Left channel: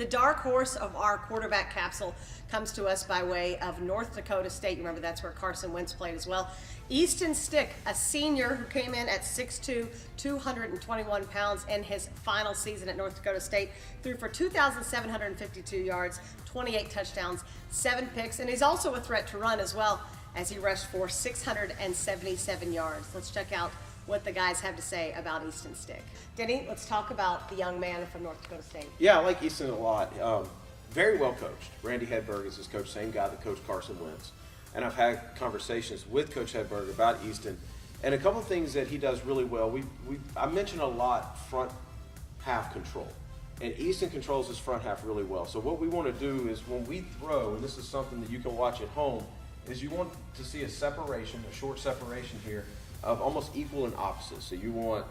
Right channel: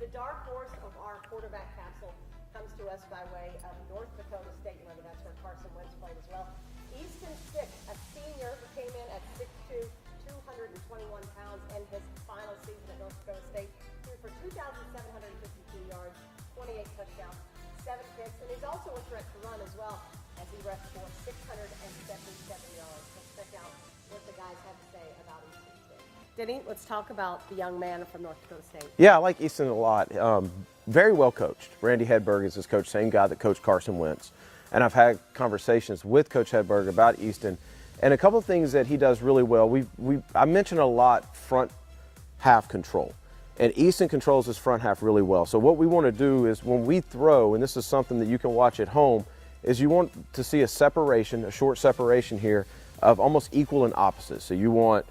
The dark horse of our quarterback capsule comes to us by way of North Dakota State. You remember that's where Carson Wentz played as well. Easton Stick, a senior who came in at 6'2", 221 pounds in his final season at North Dakota State, threw for 2,752 yards, 28 touchdowns, 7 picks, and he's also a threat to run as well, as he rushed for 677 yards. Let's check out what the guys have to say about Easton Stick. Denny, let's talk about the young man from North Dakota State. Yeah, I like Easton a lot. Very well coached. Randy Hedberg is his coach, same guy that coached Carson Wentz. And I've had conversations with Coach Hedberg about Easton. And a couple of things that he does really well. I mentioned a lot front half control. And Easton controls his front half really well. So what we want to do is when we throw, and this is something that you can watch at home, is you want to see a separation, a short separation here of almost equal and opposite. So you want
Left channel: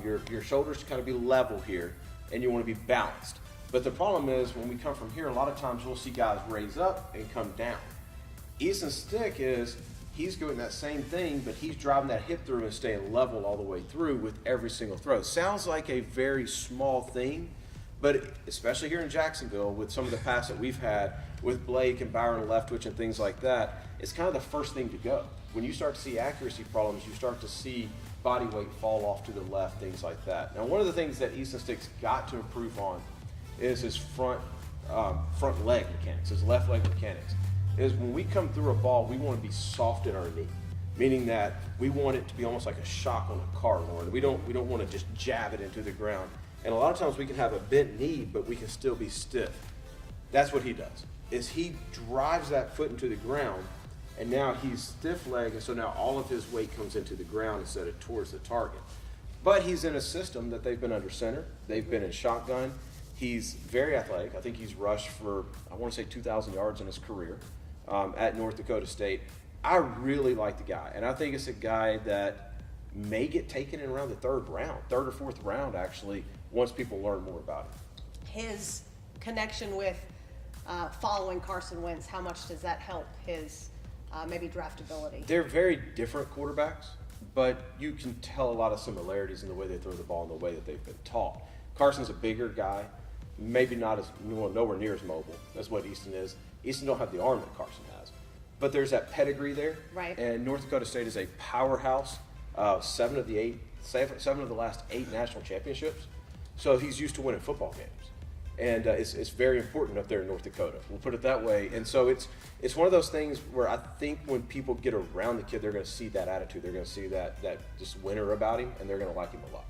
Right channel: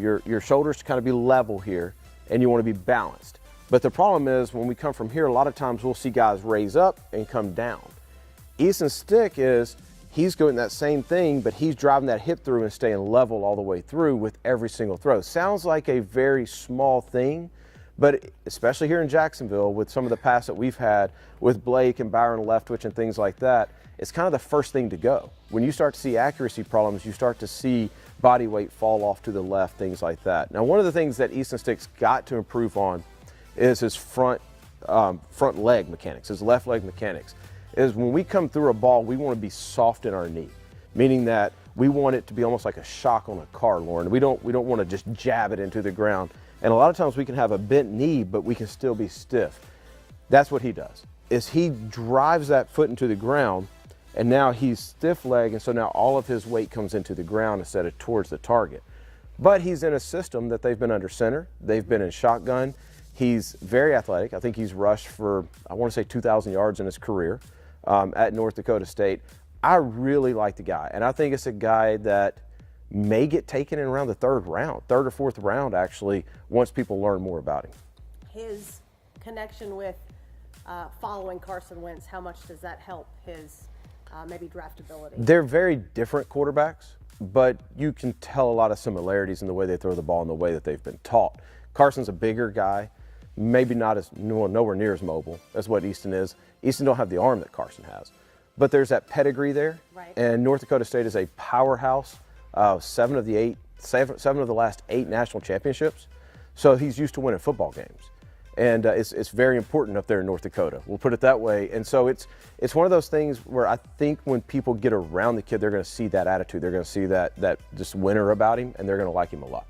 your shoulders to kind of be level here, and you want to be balanced. But the problem is when we come from here, a lot of times we'll see guys raise up and come down. Easton Stick he's doing that same thing, but he's driving that hip through and staying level all the way through with every single throw. Sounds like a very small thing, but especially here in Jacksonville with some of the pass that we've had with Blake and Byron Leftwich and things like that, it's kind of the first thing to go. When you start to see accuracy problems, you start to see body weight fall off to the left, things like that. Now, one of the things that Easton Stick's got to improve on is his front leg mechanics, his left leg mechanics. Is when we come through a ball, we want to be soft in our knee, meaning that we want it to be almost like a shock on a car, Lauren. We don't want to just jab it into the ground. And a lot of times we can have a bent knee, but we can still be stiff. That's what he does, is he drives that foot into the ground, and now he's stiff leg, and so now all of his weight comes into the ground instead of towards the target. But he's in a system that they've been under center. They've been in shotgun. He's very athletic. I think he's rushed for, I want to say 2,000 yards in his career at North Dakota State. I really like the guy, and I think it's a guy that may get taken in around the third or fourth round, actually, once people learn more about him. His connection with following Carson Wentz, how much does that help his maybe draftability? They're very different quarterbacks, but you can tell a lot of similarities in the way they throw the ball and the way that they've been taught. Carson's a bigger guy, maybe not as nowhere near as mobile as what Easton is. Easton don't have the arm that Carson has, but there's that pedigree there. Right. And North Dakota State is a powerhouse. 7 of the last 8 national championships. So he's used to winning football games, and it's very important up there in North Dakota. We'll put it that way. And so it's one of those things where I think when people get around the kid, they're going to see that attitude. They're going to see that just winner about him, and they're going to like him a lot.